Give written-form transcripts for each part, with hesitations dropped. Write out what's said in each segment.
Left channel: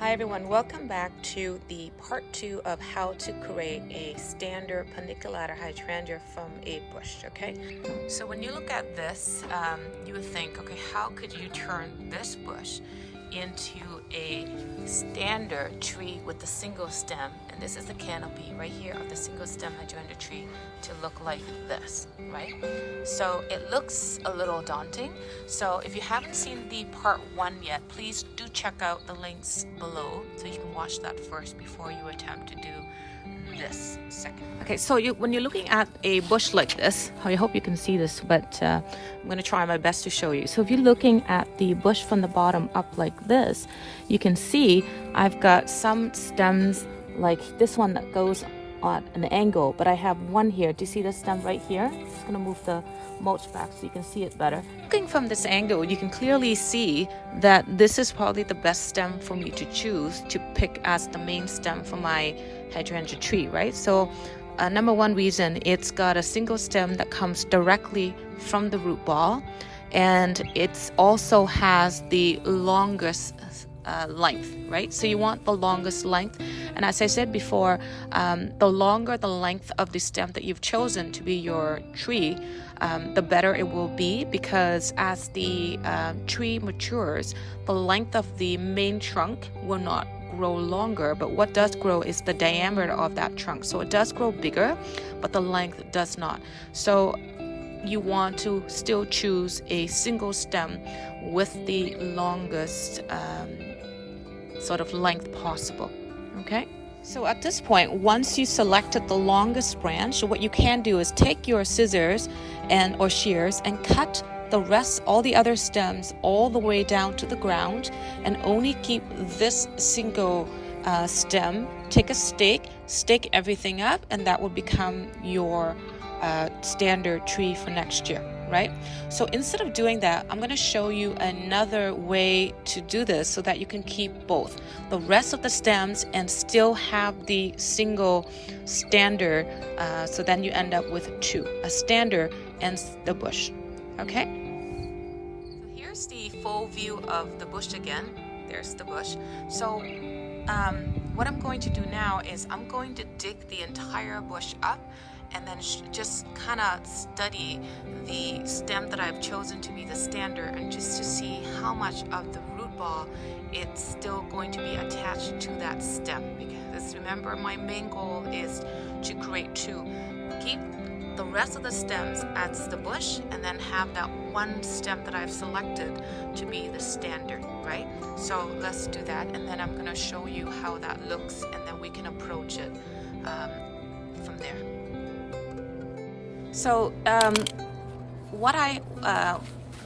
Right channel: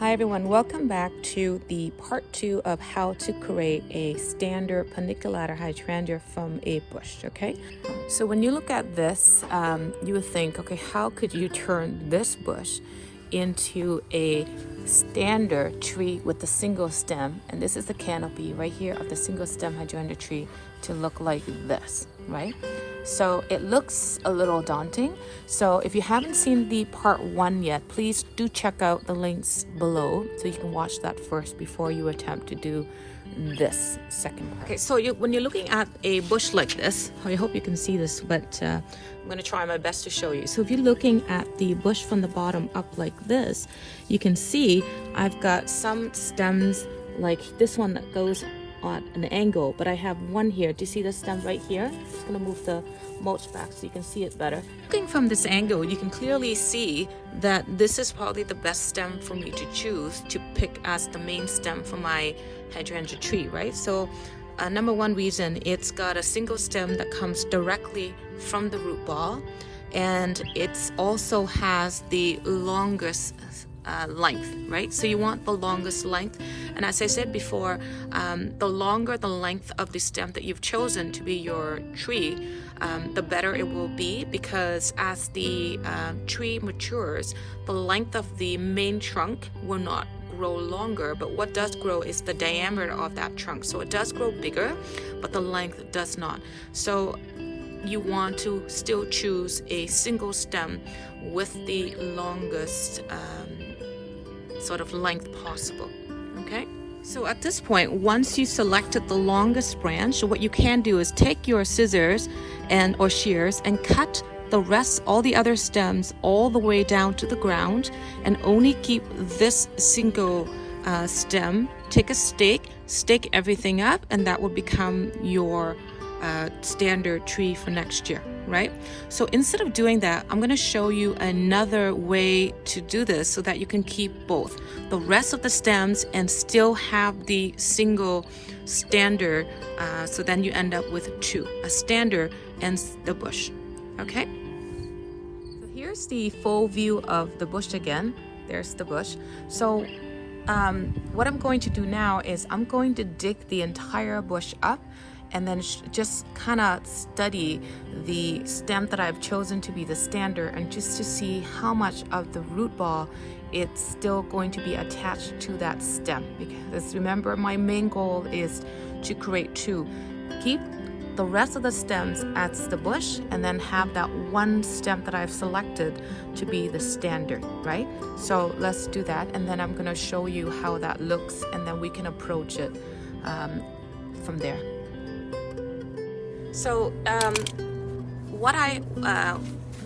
Hi everyone, welcome back to the part 2 of how to create a standard paniculata hydrangea from a bush, okay? So when you look at this, you would think, okay, how could you turn this bush into a standard tree with a single stem? And this is the canopy right here of the single stem hydrangea tree to look like this, right? So it looks a little daunting. So if you haven't seen the part 1 yet, please do check out the links below so you can watch that first before you attempt to do this second part. Okay, so when you're looking at a bush like this, I hope you can see this, but I'm going to try my best to show you. So if you're looking at the bush from the bottom up like this, you can see I've got some stems like this one that goes on an angle, but I have one here. Do you see the stem right here? I'm going to move the mulch back so you can see it better. Looking from this angle, you can clearly see that this is probably the best stem for me to choose to pick as the main stem for my hydrangea tree, right? So number one reason, it's got a single stem that comes directly from the root ball, and it also has the longest length, right? So you want the longest length, and as I said before, the longer the length of the stem that you've chosen to be your tree, the better it will be, because as the tree matures, the length of the main trunk will not grow longer, but what does grow is the diameter of that trunk. So it does grow bigger, but the length does not. So you want to still choose a single stem with the longest sort of length possible, okay? So at this point, once you selected the longest branch, what you can do is take your scissors or shears and cut the rest, all the other stems, all the way down to the ground, and only keep this single stem. Take a stake, stake everything up, and that will become your standard tree for next year, right? So instead of doing that, I'm going to show you another way to do this so that you can keep both the rest of the stems and still have the single standard, so then you end up with two, a standard and the bush, okay? So here's the full view of the bush again. There's the bush. So what I'm going to do now is I'm going to dig the entire bush up and then just kind of study the stem that I've chosen to be the standard, and just to see how much of the root ball it's still going to be attached to that stem. Because remember, my main goal is to create two. Keep the rest of the stems as the bush, and then have that one stem that I've selected to be the standard, right? So let's do that, and then I'm going to show you how that looks, and then we can approach it from there. So what I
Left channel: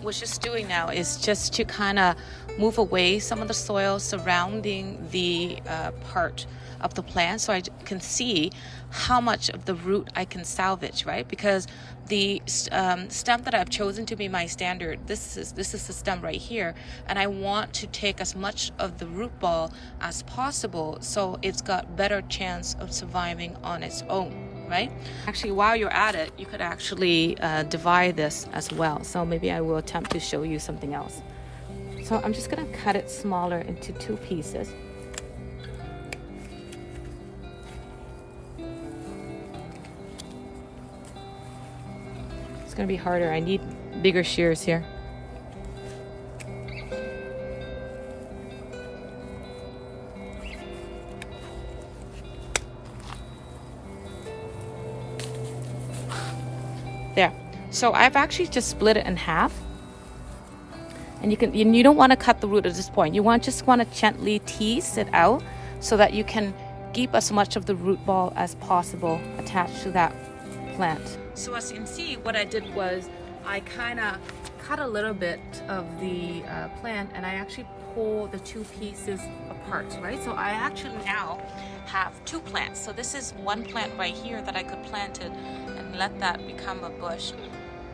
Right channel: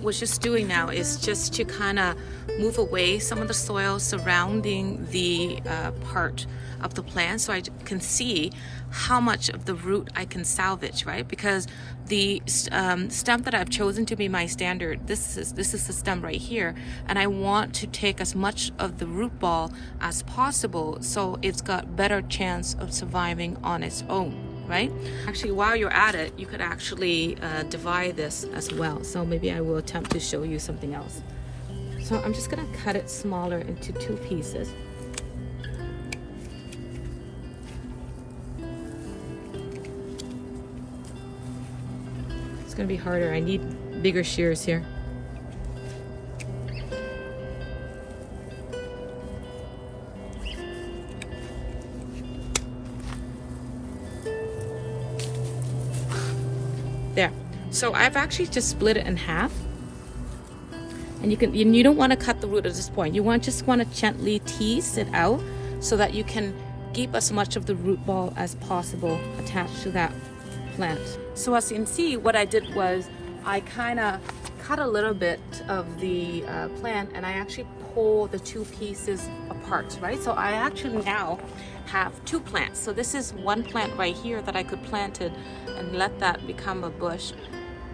was just doing now is just to kind of move away some of the soil surrounding the part of the plant, so I can see how much of the root I can salvage, right? Because the stem that I've chosen to be my standard, this is the stem right here, and I want to take as much of the root ball as possible so it's got better chance of surviving on its own, right? Actually, while you're at it, you could actually divide this as well. So maybe I will attempt to show you something else. So I'm just gonna cut it smaller into two pieces. It's gonna be harder. I need bigger shears here. There. So I've actually just split it in half, and you don't want to cut the root at this point. You just want to gently tease it out so that you can keep as much of the root ball as possible attached to that plant. So as you can see, what I did was I kind of cut a little bit of the plant, and I actually pull the two pieces apart, right? So I actually now have two plants. So this is one plant right here that I could plant it and let that become a bush,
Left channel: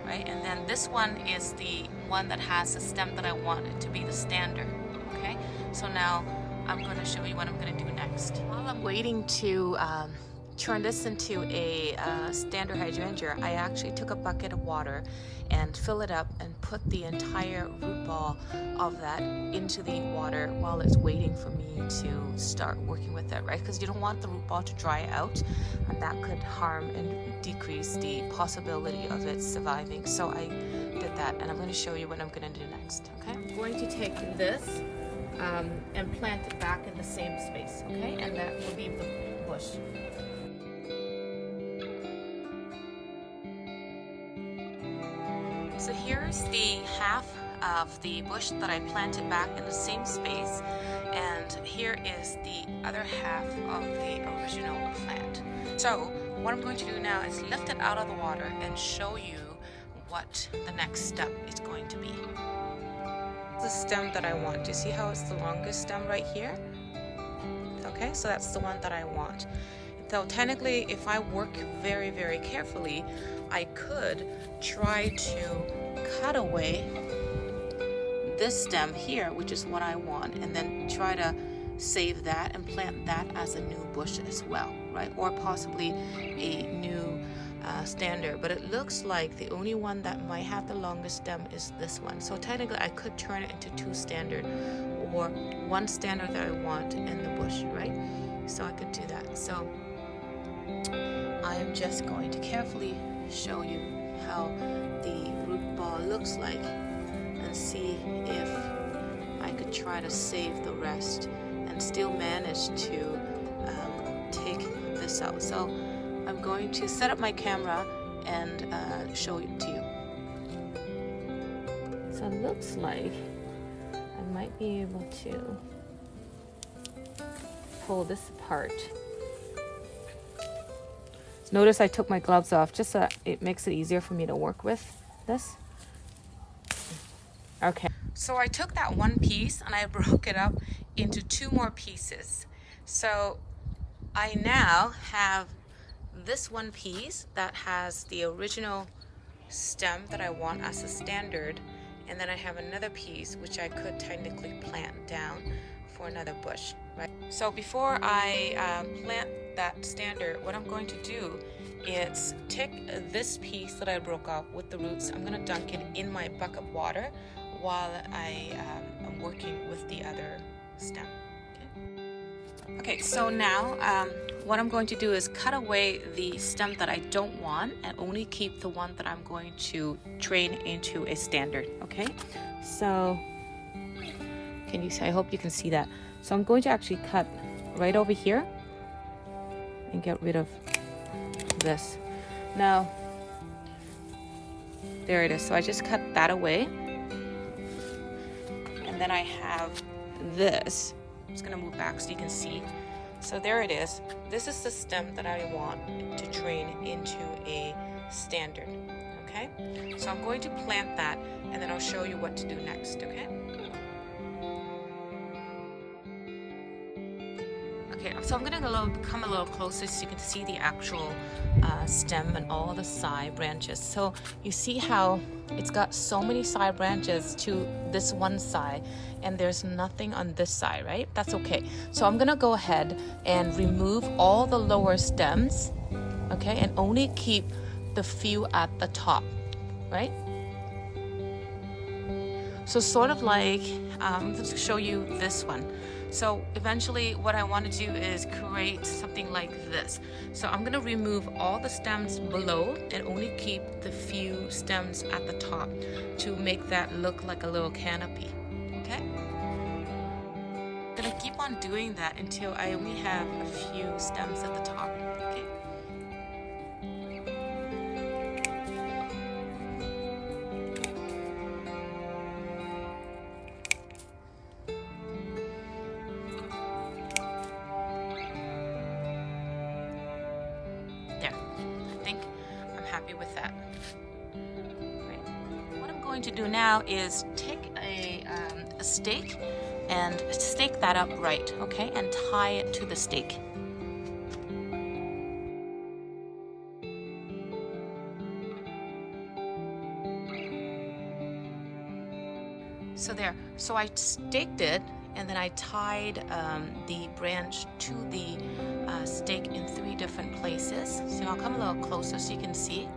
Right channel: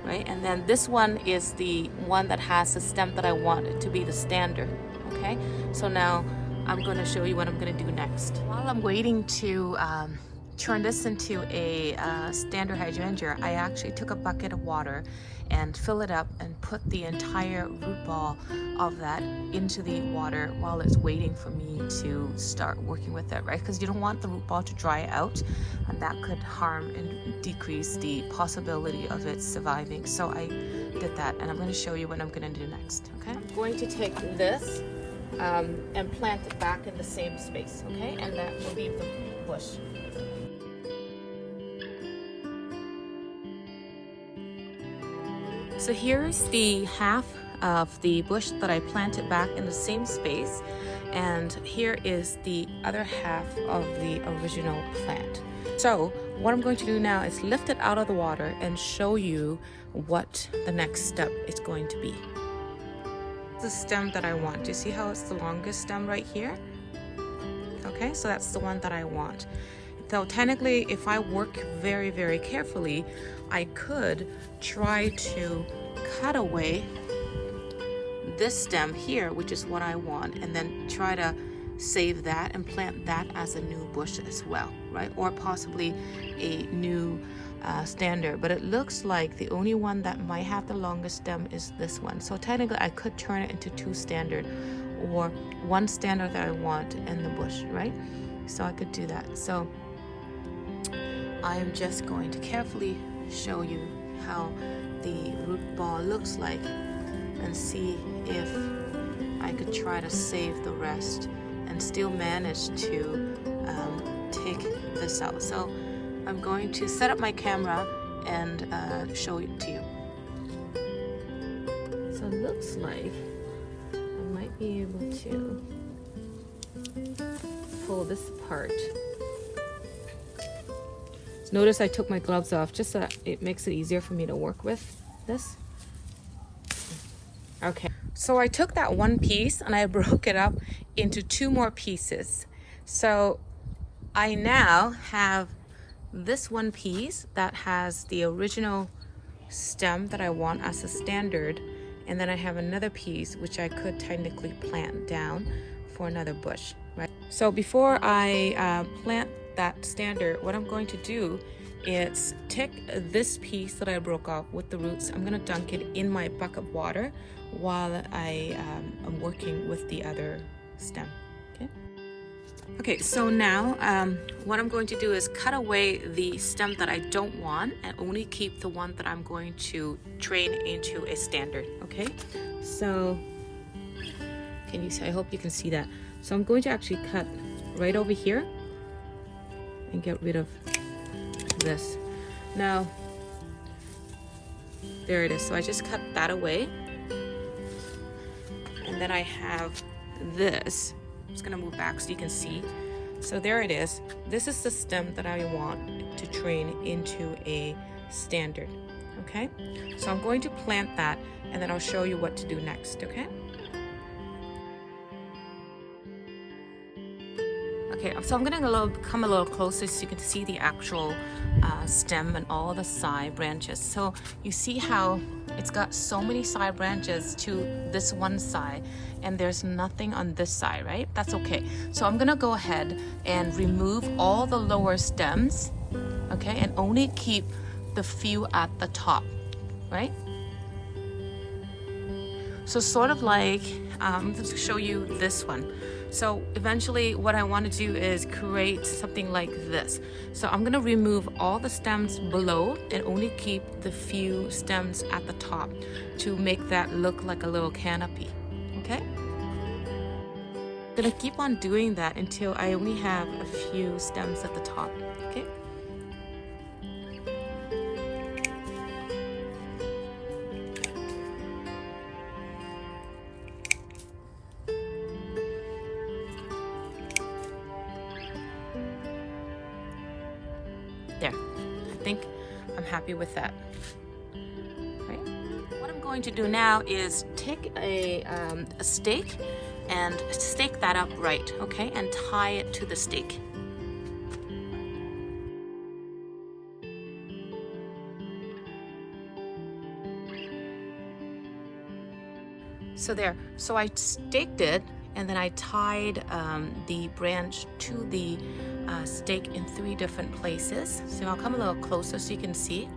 right? And then this one is the one that has the stem that I want it to be the standard, okay? So now I'm going to show you what I'm going to do next. While I'm waiting to turn this into a standard hydrangea, I actually took a bucket of water and fill it up and put the entire root ball of that into the water while it's waiting for me to start working with it, right? Because you don't want the root ball to dry out, and that could harm and decrease the possibility of it surviving. So I did that, and I'm going to show you what I'm going to do next. Okay, I'm going to take this and plant it back in the same space, okay? And that will be the bush. So here's the half of the bush that I planted back in the same space, and here is the other half of the original plant. So what I'm going to do now is lift it out of the water and show you what the next step is going to be. The stem that I want. Do you see how it's the longest stem right here? Okay, so that's the one that I want. So technically, if I work very, very carefully, I could try to cut away this stem here, which is what I want, and then try to save that and plant that as a new bush as well, right? Or possibly a new standard, but it looks like the only one that might have the longest stem is this one. So technically I could turn it into two standard, or one standard that I want in the bush, right? So I could do that. So I'm just going to carefully show you how the root ball looks like and see if I could try to save the rest and still manage to take this out. So I'm going to set up my camera and show it to you. So it looks like I might be able to pull this apart. So notice I took my gloves off just so it makes it easier for me to work with this. Okay, so I took that one piece and I broke it up into two more pieces. So I now have this one piece that has the original stem that I want as a standard, and then I have another piece which I could technically plant down for another bush, right? So before I plant that standard, what I'm going to do is take this piece that I broke off with the roots. I'm going to dunk it in my bucket of water while I am working with the other stem. Okay, so now what I'm going to do is cut away the stem that I don't want and only keep the one that I'm going to train into a standard. Okay, so can you see? I hope you can see that. So I'm going to actually cut right over here and get rid of this. Now, there it is. So I just cut that away, and then I have this. It's gonna move back so you can see. So there it is. This is the stem that I want to train into a standard, okay? So I'm going to plant that, and then I'll show you what to do next, okay? Okay, so I'm gonna come a little closer so you can see the actual stem and all the side branches. So you see how it's got so many side branches to this one side, and there's nothing on this side, right? That's okay. So I'm gonna go ahead and remove all the lower stems, okay, and only keep the few at the top, right? So sort of like, I'm gonna show you this one. So eventually what I want to do is create something like this. So I'm going to remove all the stems below and only keep the few stems at the top to make that look like a little canopy. Okay? I'm going to keep on doing that until I only have a few stems at the top. Okay? There, I think I'm happy with that. Right. What I'm going to do now is take a stake and stake that up right, okay, and tie it to the stake. So there, so I staked it, and then I tied the branch to the stake in 3 different places. So I'll come a little closer so you can see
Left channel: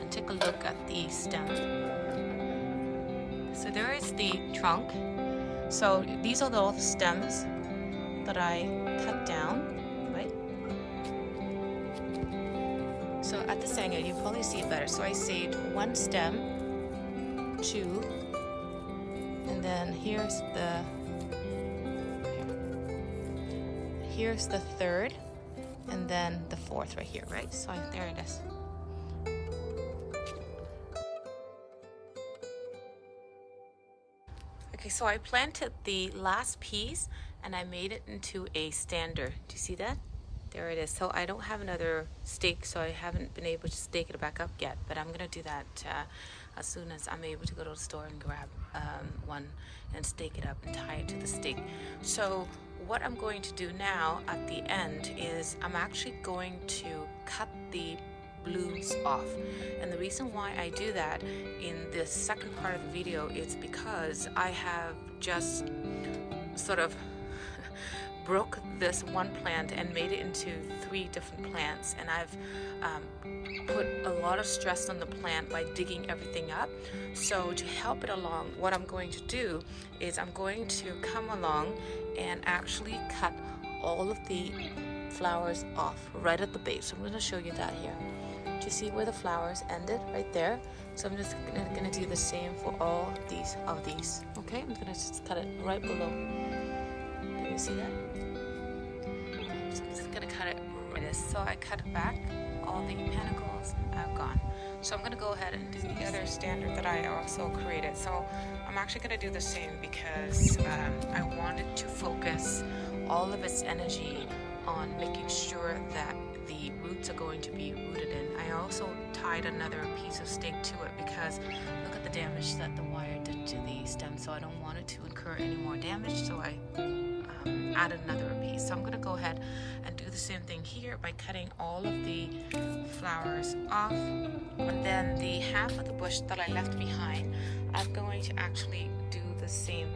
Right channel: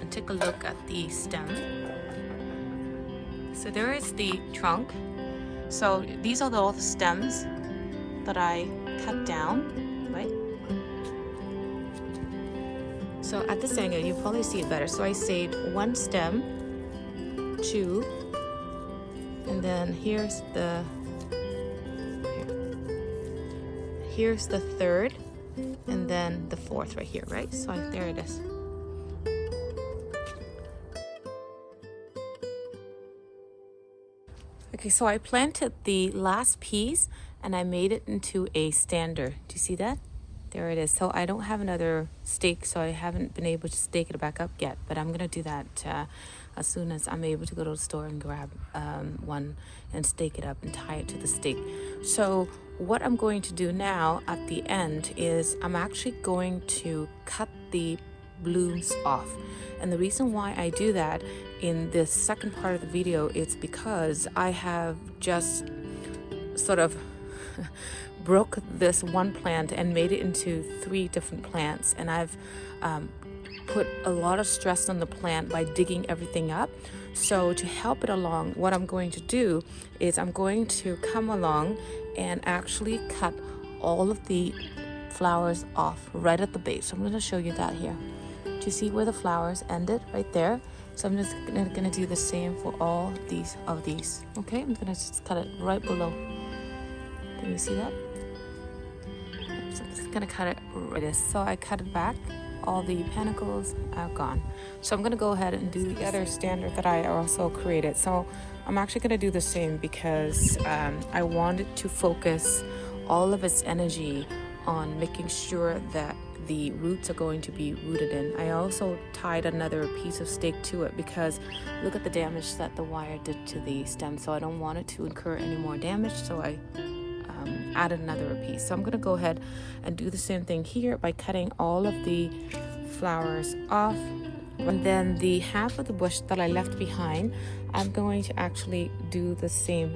and take a look at the stem. So there is the trunk. So these are all the stems that I cut down, right? So at this angle, you probably see it better. So I saved one stem, two, and then here's the third, and then the fourth right here, right? So there it is. Okay, so I planted the last piece and I made it into a stander. Do you see that? There it is. So I don't have another stake, so I haven't been able to stake it back up yet, but I'm gonna do that as soon as I'm able to go to the store and grab one and stake it up and tie it to the stake. So what I'm going to do now at the end is I'm actually going to cut the blooms off. And the reason why I do that in this second part of the video is because I have just sort of broke this one plant and made it into 3 different plants, and I've put a lot of stress on the plant by digging everything up. So to help it along, what I'm going to do is I'm going to come along and actually cut all of the flowers off right at the base. So I'm going to show you that here. Do you see where the flowers ended right there? So I'm just gonna do the same for all of these. Okay, I'm gonna just cut it right below. Can you see that? So I'm just gonna cut it right this. So I cut it back. All the panicles are gone. So I'm gonna go ahead and do the other standard that I also created. So I'm actually gonna do the same because I wanted to focus all of its energy on making sure that the roots are going to be rooted in. I also tied another piece of stake to it because look at the damage that the wire did to the stem. So I don't want it to incur any more damage, so I added another piece. So I'm going to go ahead and do the same thing here by cutting all of the flowers off. And then the half of the bush that I left behind, I'm going to actually do the same.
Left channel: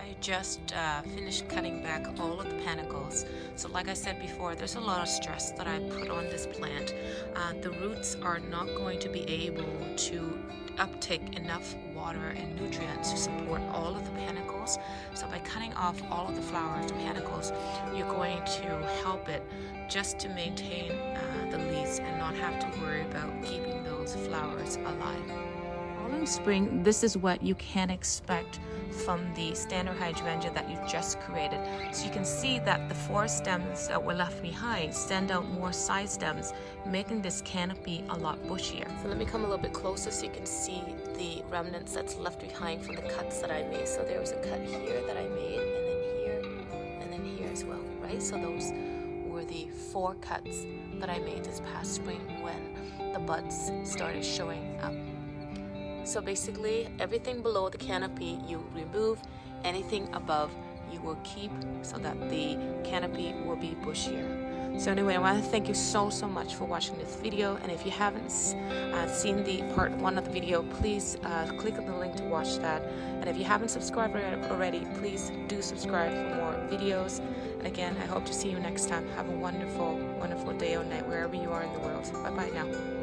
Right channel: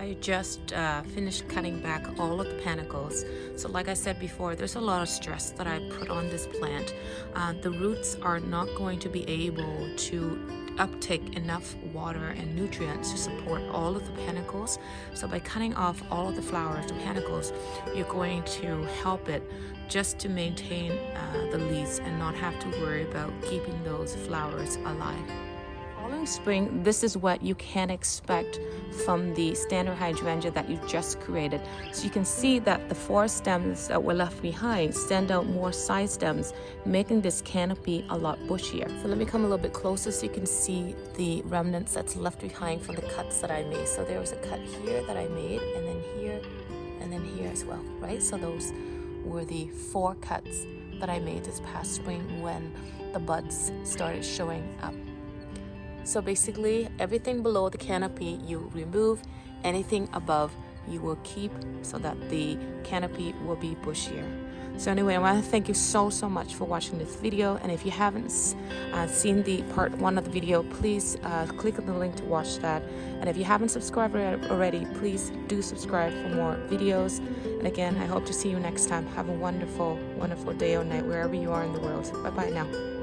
I just finished cutting back all of the panicles. So like I said before, there's a lot of stress that I put on this plant. The roots are not going to be able to uptake enough water and nutrients to support all of the panicles. So by cutting off all of the flowers, the panicles, you're going to help it just to maintain the leaves and not have to worry about keeping those flowers alive. Following spring, this is what you can expect from the standard hydrangea that you just created. So you can see that the 4 stems that were left behind stand out more side stems, making this canopy a lot bushier. So let me come a little bit closer so you can see the remnants that's left behind from the cuts that I made. So there was a cut here that I made, and then here as well, right? So those were the 4 cuts that I made this past spring when the buds started showing up. So basically, everything below the canopy you remove, anything above you will keep so that the canopy will be bushier. So anyway, I want to thank you so much for watching this video. And if you haven't seen the part 1 of the video, please click on the link to watch that. And if you haven't subscribed already, please do subscribe for more videos. And again, I hope to see you next time. Have a wonderful day or night wherever you are in the world. Bye-bye now.